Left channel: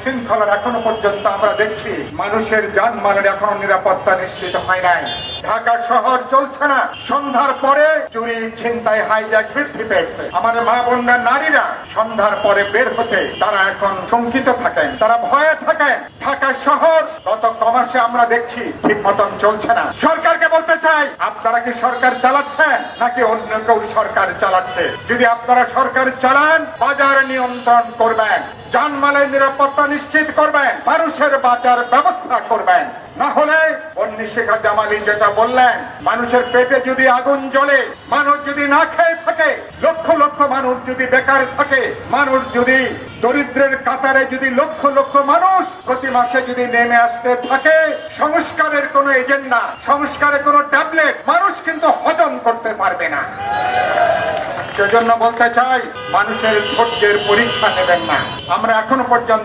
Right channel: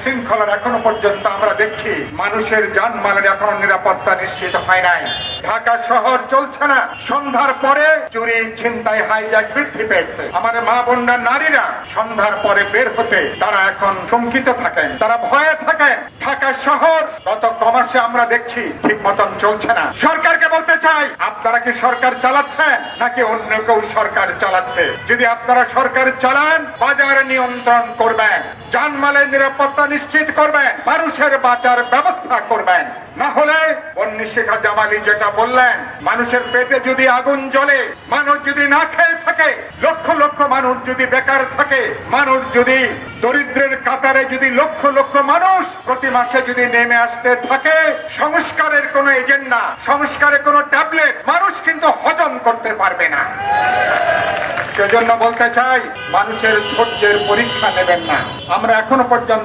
শৃঙ্খলার এখনো পর্যন্ত আমরা দেখছি মানুষের জানমালের এখনো নিরাপত্তা নিশ্চিত হয় নাই। ঢাকা শহর চলছে না, সন্ধ্যার পরে চুরি ছিনতাই হাইজ্যাক বৃদ্ধি পেয়েছে। আমার মা বোনরা নারীরা সন্ধ্যার পরে বের হতে তারা এখন শঙ্কিত থাকেন, তারা ভয়ে থাকেন। ঢাকা শহর গত কমাসে আমরা দেখছি ঠিক মতন চলছে না। সরকারকে বলতে চাই, আপনারা কি সরকার চালাচ্ছেন নাকি অন্য কেউ সরকার চালাচ্ছে? যদি আপনারা সরকার চালান, বাজার নিয়ন্ত্রণ করবেন, জানমালের নিরাপত্তা নিশ্চিত করবেন, মানুষের বাঁচার ব্যবস্থা করবেন। না হলে শেখা জামালি যেটা বললেন, মানুষের পেটে যদি আগুন জ্বলে, মানুষ যদি না খেয়ে থাকে, লক্ষ লক্ষ মানুষ যদি বেকার থাকে, মানুষ যদি দরিদ্রের কাতারে যদি লক্ষ লক্ষ মানুষ প্রতি মাসে যদি নেমে আসতে থাকে, সংস্কারের কোন এজেন্ডা, সংস্কারের কোন ট্যাবলেট মানুষ কিন্তু হজম করতে পারবে না। সেজন্য বলতে চাই, মানুষের ধৈর্যের পরীক্ষা নেবেন না। আমরা এখনো পর্যন্ত